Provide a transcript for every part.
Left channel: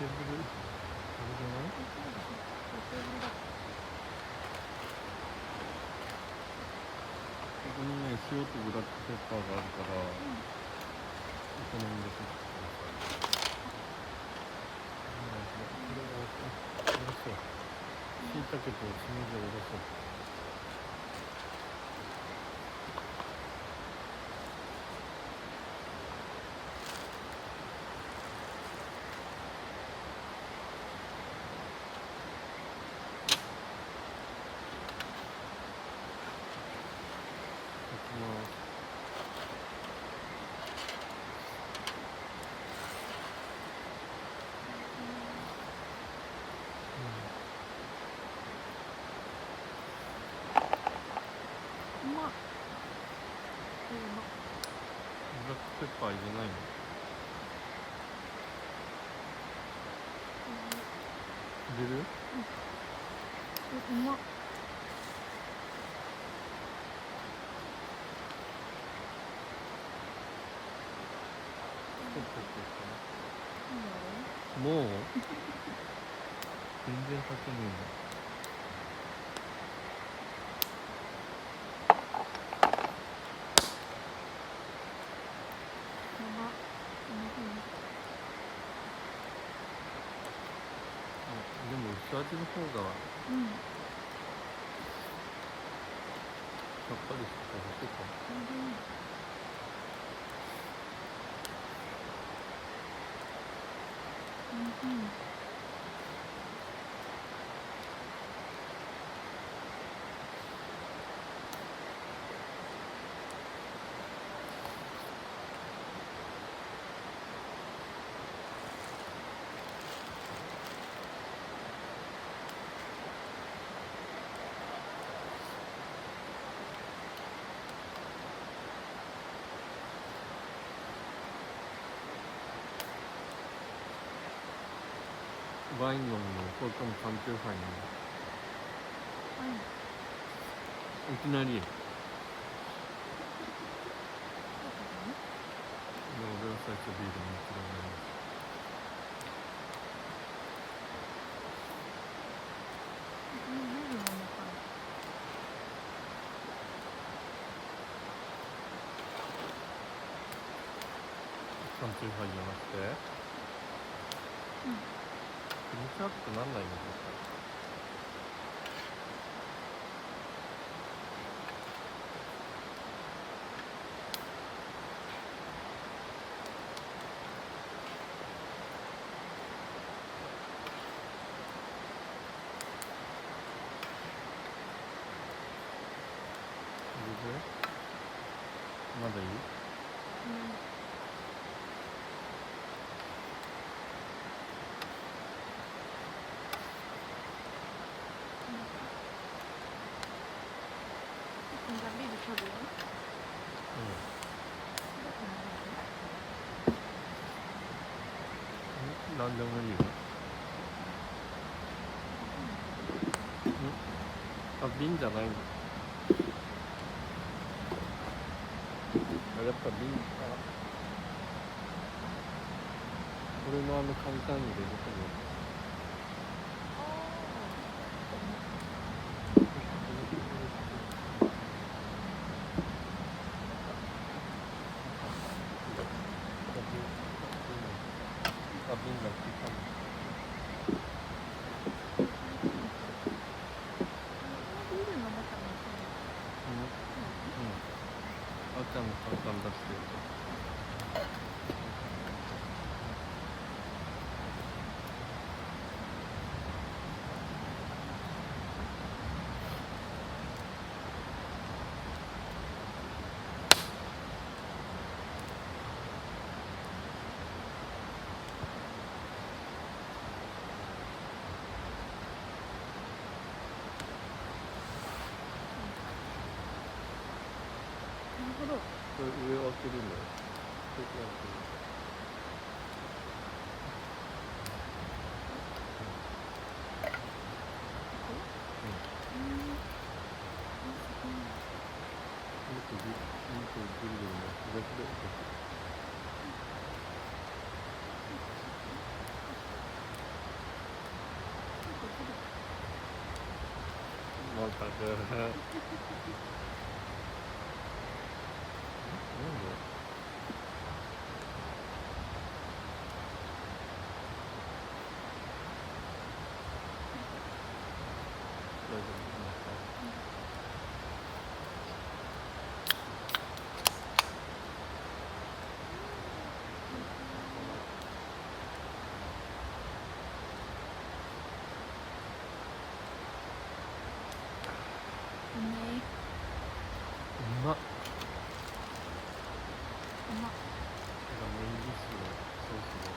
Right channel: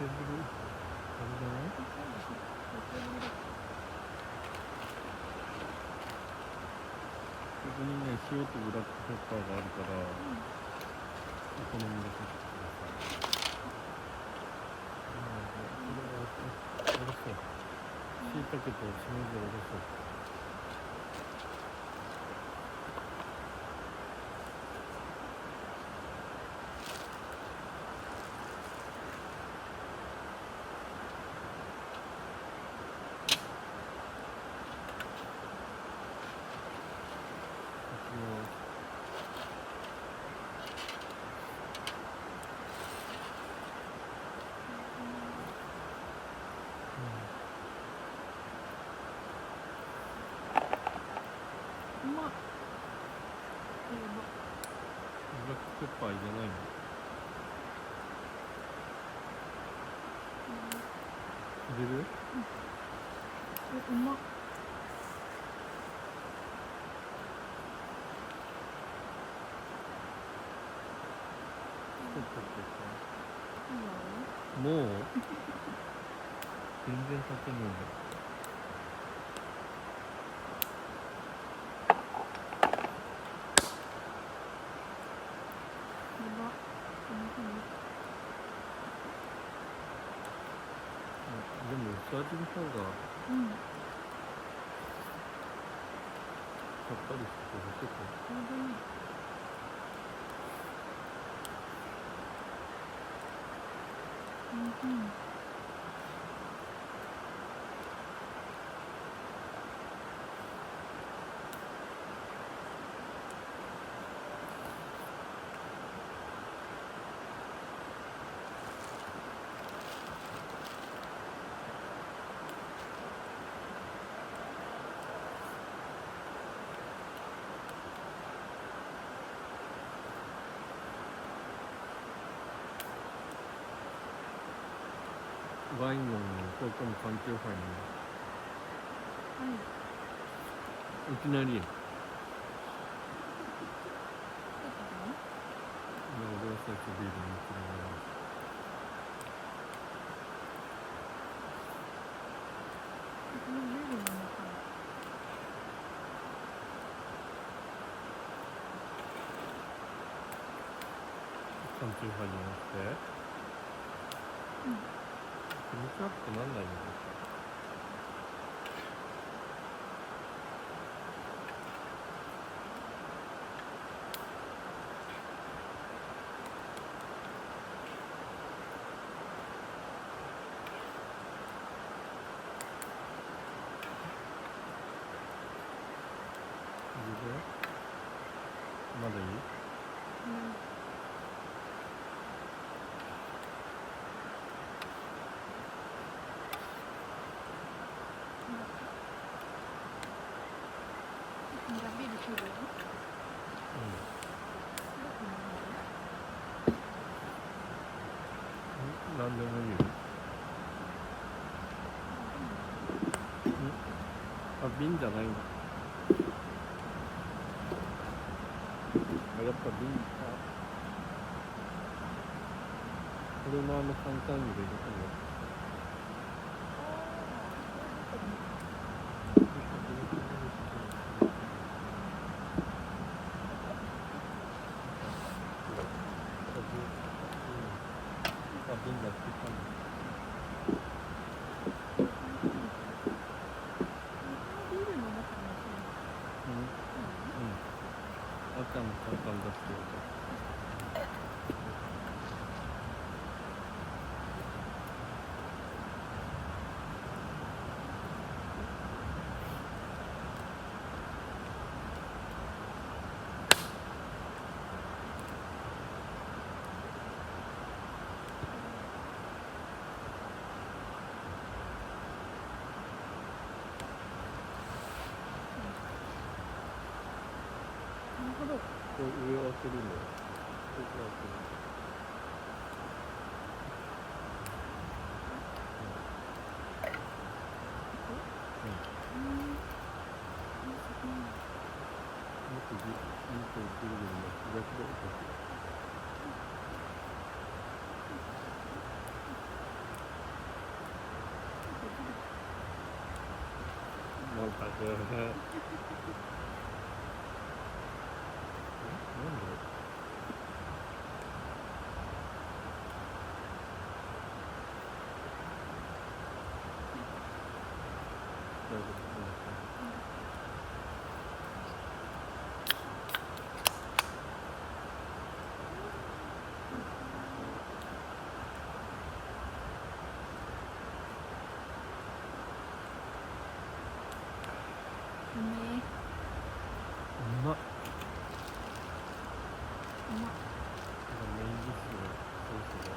テーブルあれじゃない？あ、そうだね。テーブルだ。ここにね、塩とブラックペッパーがあるから、お好みで取ってください。これをおろそう。椎茸としめじをおろそう。うまっ。ブラックペッパー入れないの？入れる？うまっ。もう全然かけねやば。でも薄味の方がさっぱりして美味しいかも。ちょうどいい。ワイン飲むの、これかも缶チューハイ飲むの。はい。いきなり。いや、俺は最初ビール飲むけどね。ビール飲もうかな。缶チューハイじゃなくて？気持ち悪くなんないの？絶対。まだいい？じゃあビール取るよ。なんでもいいよ。あ、瓶じゃないの？あ、やっぱ瓶。あ、俺のカンカンに入れるとね。あ、瓶がついたの。ビール飲もうかな。あっちゃんのカンカン出してよ。なるほど。これ上を開けるんだよ。ここを開ける。もっとぐるぐる巻き逆で。大丈夫かうめえ。うまっ。うまっ。がメインディッシュをそろそろ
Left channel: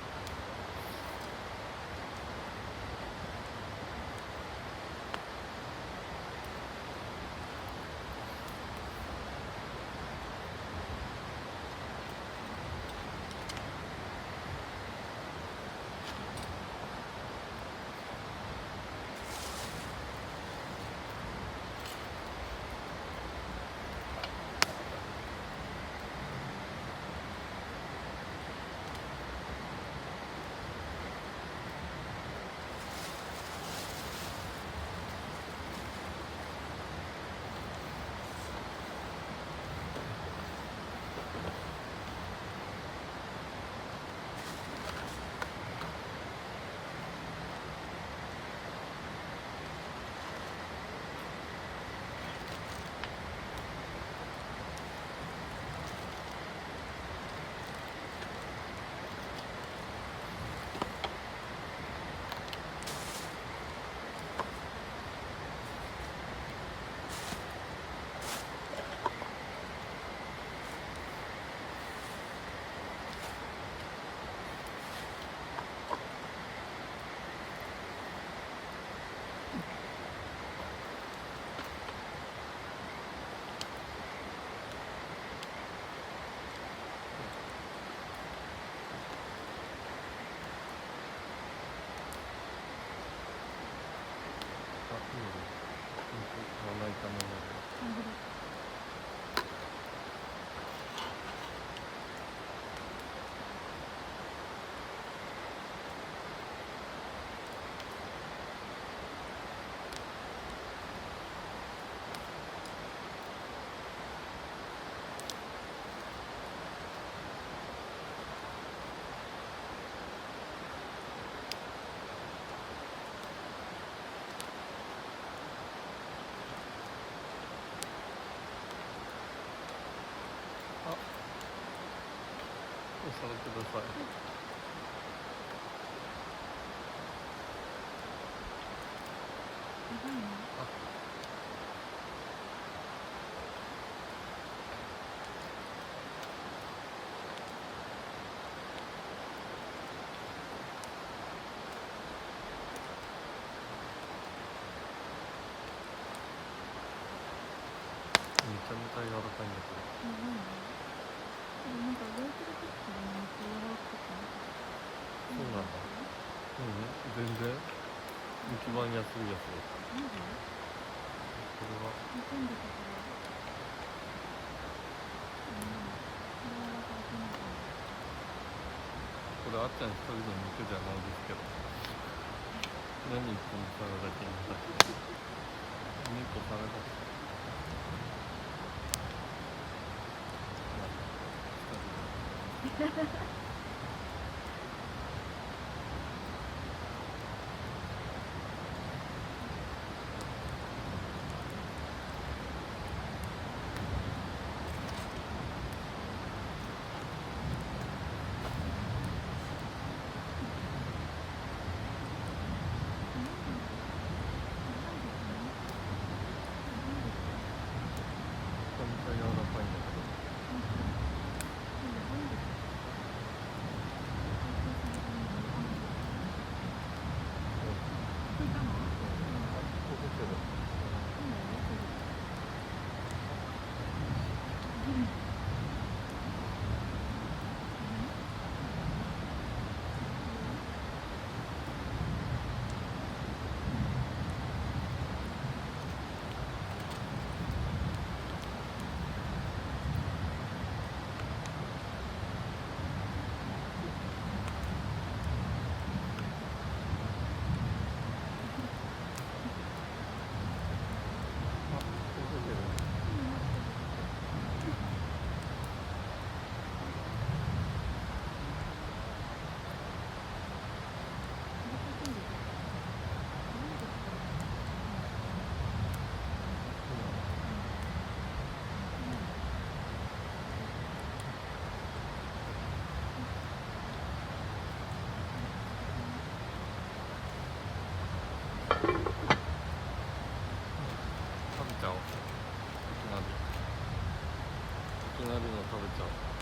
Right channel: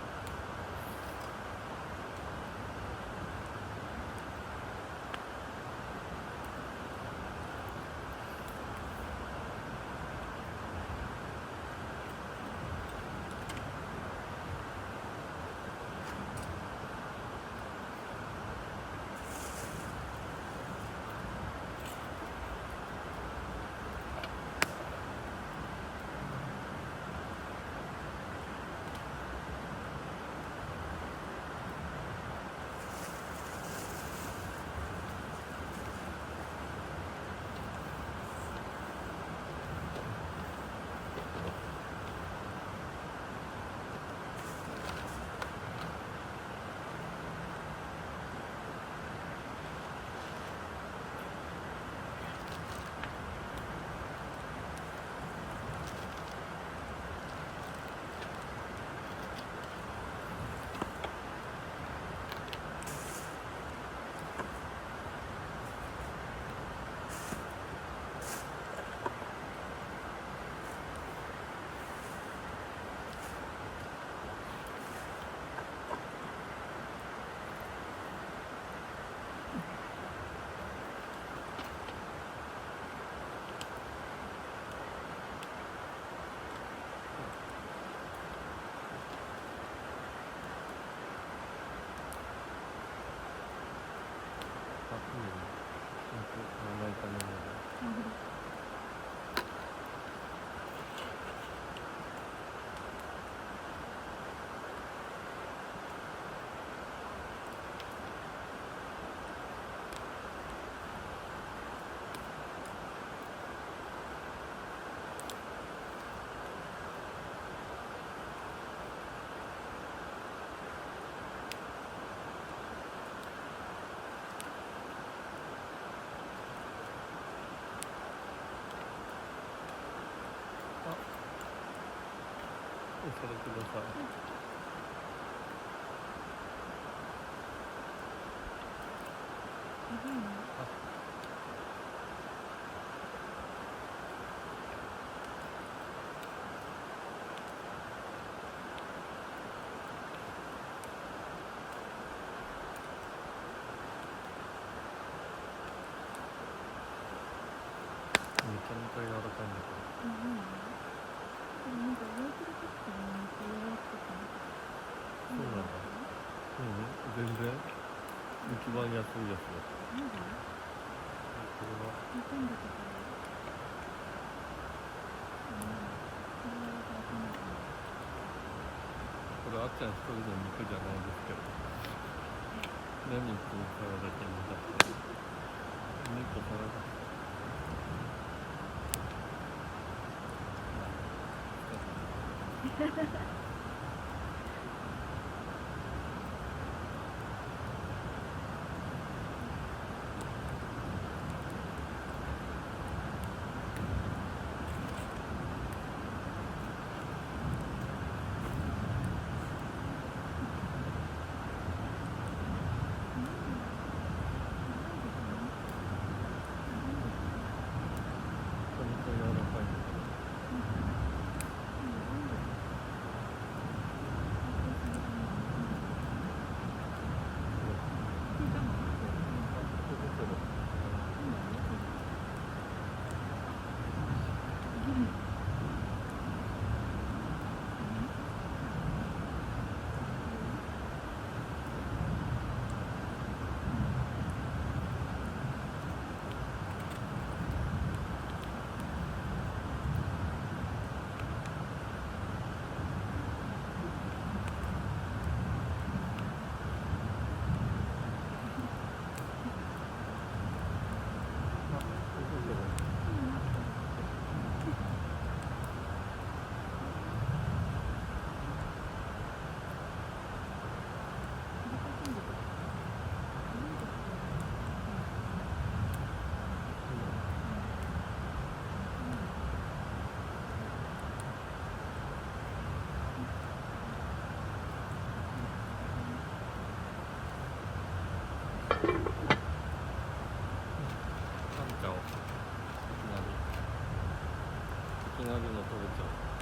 いいよね。まな板の上で。なるほど。お皿ください。やばいな。あ、めちゃめちゃ柔らかいんだけど。やばいな。でもなんか焼いてる時からめっちゃ柔らかくなかった。そうなんだ。全然一番安いやつだった。マジ？これは煮込んでたから。柔らかいかなかな。これあっちゃん一人の肉じゃないですけど。何言っても皿だけに出して。猫皿出して。めちゃめちゃ柔らかいんだけど。きなりの食べちゃう。